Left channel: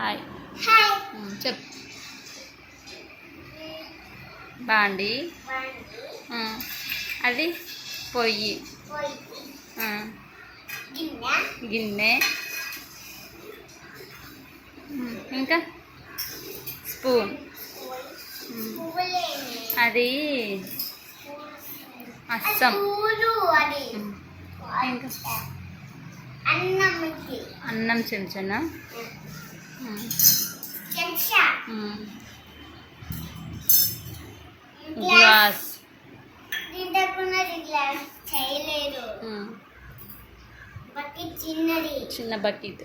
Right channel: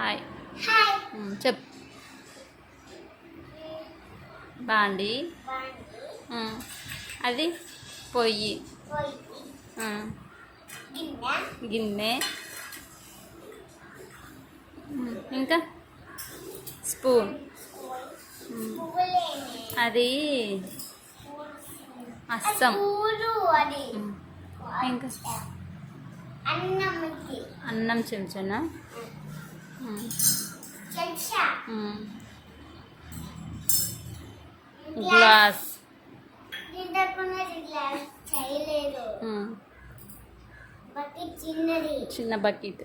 Hi hi చెప్ బాండి అది పొయ్యి గిన్నె ఇంకా స్పూన్ అది అస్సం ఇంకా అన్నం చెంచానా గ్లాస్ చిన్న బకెట్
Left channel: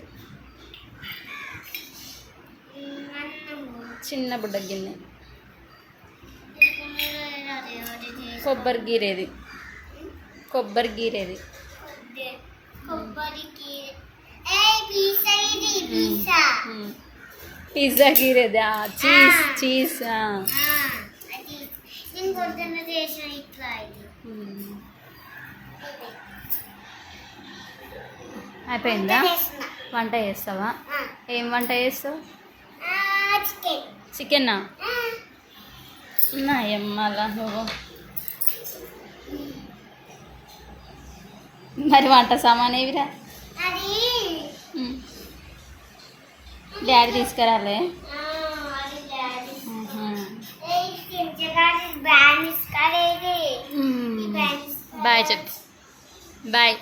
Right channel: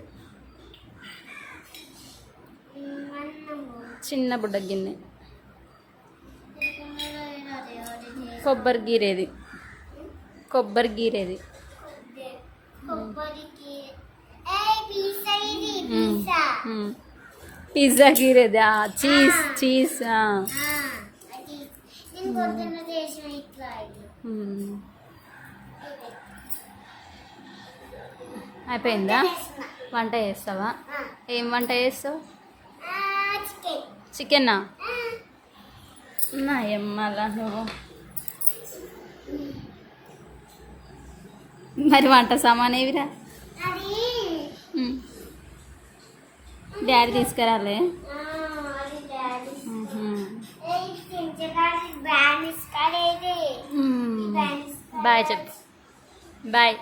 చిన్న బుడ్డ గిన్నె కొబ్బరి గీరేది పిజ్జా గీరేది చీజ్ అయిపోయిందా? వంట చేస్తావా? ఏం వంట చేస్తావు? చికెనా? ఏమలా నువ్వు మరి వంట సామాన్ ఏవిరా? డాడీ తీసుకురాలే? బాయ్ చెప్పు. బాయ్.